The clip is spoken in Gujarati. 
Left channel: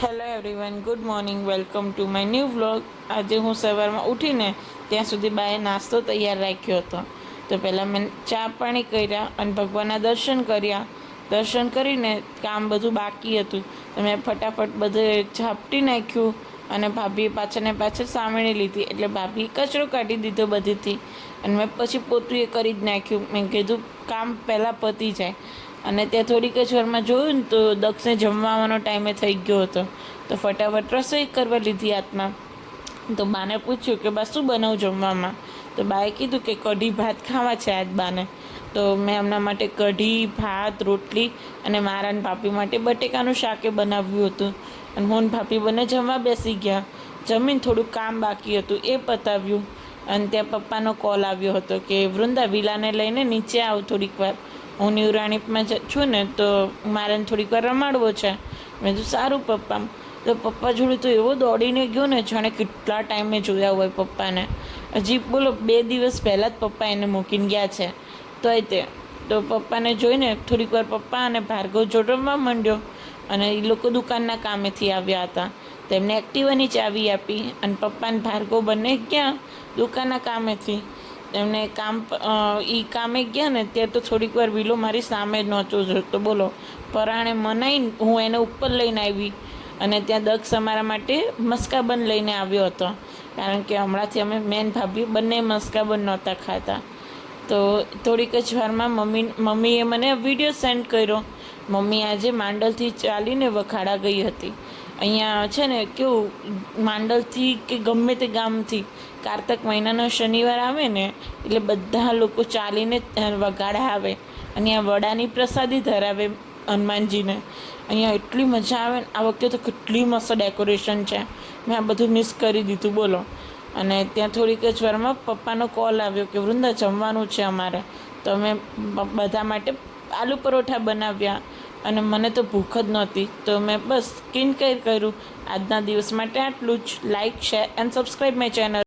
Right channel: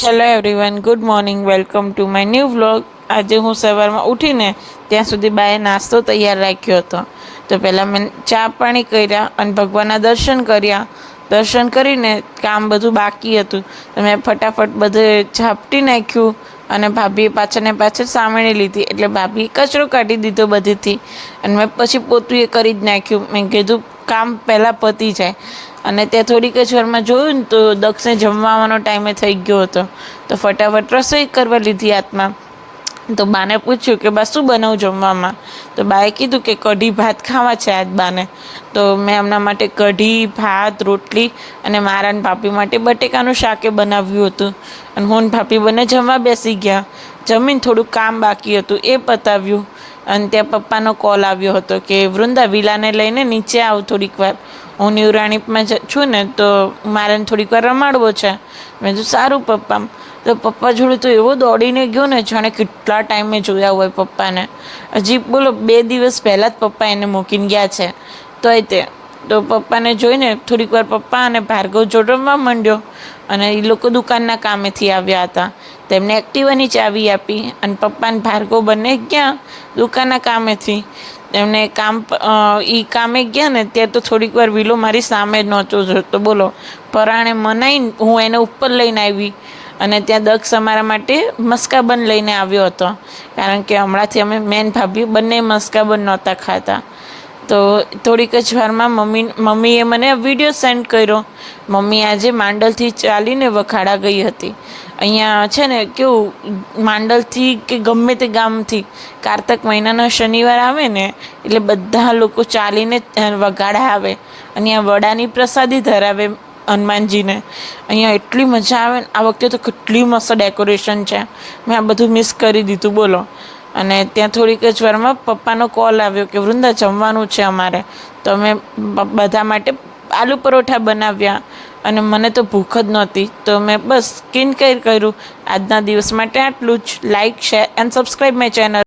Hello everyone, good morning, welcome to my new vlog. આજે હું સવારમાં ઉઠીને ત્યાં સુધી બાએ નાસ્તો તૈયાર રાખ્યો હતો. તો પહેલાં મેં ચા પાણી કર્યા અને ભગવાનના દર્શન કર્યા. દર્શન કરીને કામ બધું બાકી હતું તો મેં ફટાફટ બધે ઝાપટી નાખ્યું અને ભાભીએ પાછળને પાછળ સામેણી લીધી એટલે ભાભીએ કચરો કાઢી દીધો બધીથી અને મેં પછી પોતું એ કરી જ નાખ્યું. મેં કીધું કામ પહેલાં પતી જાય. અને ત્યાં થોડીક જ વારમાં જોયું ને તો દક્ષને જમવાનો ટાઈમે થઈ ગયો હતો. તો ફટાફટ રસોઈ કરવા લીધી હાથમાં. તો બાને પૂછ્યું કે બા શું બનાવું જમવામાં. તો બાએ કીધું કે કઢી ભાત ખાવા છે આજ બાને. તો મેં એમના માટે કઢી ભાત રોટલી અને મારા ને ભાભી માટે બટેકાનું શાકે બનાવ્યું હતું. અને હું ને ભાભી બંને જમવા બેસી ગયા. જમીને થોડુંક કામ બાકી હતું એ પતાવ્યું. અને ત્યાં પપ્પાનો કોલ આવ્યો હતો કે વૃંદા વિલાને લઈને નીચે આવ થોડીક વાર. હું ન્યુરાણીમાં છું ને તો મારે થોડીક વાર રમાડવો છે. મેં કીધું સારું પપ્પા. તો પપ્પા જોડે તો એવો દોડીને ગયો ને જાણે કેટલા ટાઈમે જોયા હોય પપ્પાને. હજી બોલો 2 દિવસ પહેલાં જ પપ્પા એને મૂકીને ગયા છે. તો પપ્પાને જોઈને થોડીક વાર પપ્પા અને ભાર્ગવ જોડે રમવા માંડ્યો. અને એ લોકો દુકાનના કામેથી આવ્યા હતા. તેમને એક્ટિવાની ચાવી આપી અને પપ્પા અને ભાર્ગવ બંને ગયા દુકાનના કામેથી. એમને કામે ગયા ને ત્યાં તો થોડીક વાર વિલો મારી સામે જ નહોતો જોતો. બોલો, પરાણે મનાઈને હું એને ઉપર લઈને આવી અને ત્યાં દક્ષ અમારા માટે મસ્કાબન લઈને આવ્યો હતો. કારણ કે હમણાંથી અમે મેન ભાભી બંને મસ્કાબન નહોતા ખાતા. તો થોડીક જ વારમાં મમ્મીએ મને વિડીયો સેન્ડ કર્યો. મમ્મી આજે માંડલથી ચાલીને વખાડા ગઈ હતી. અહીંયા છે ને કેવું, માંડલથી કે ગમે તે ગામથી કારતક મહિનાનો શનિવાર આવે ને એટલે બધા લોકો ચાલીને વગાડા આવે. અને આ વડાની પ્રસાદી ધરાવે હનુમાનજીને. અહીંયા એટલી મજા આવે ને. આ વખતે તો કેટલી મસ્ત ડેકોરેશન છે. મેં આ બધું મિસ કરી દીધું બોલો. અને ત્યાં થોડીક જ વારમાં પપ્પાનો કોલ આવ્યો કે વૃંદા જમવાનું છે અમારે. તો અમે બધા માટે આલુ પરોઠા બનાવ્યા અને મને તો ભૂખ જ નહોતી. તો મેં બસ સ્કિન કેર કર્યું. આજના દિવસ માટે આટલું જ. Like, share and subscribe my channel.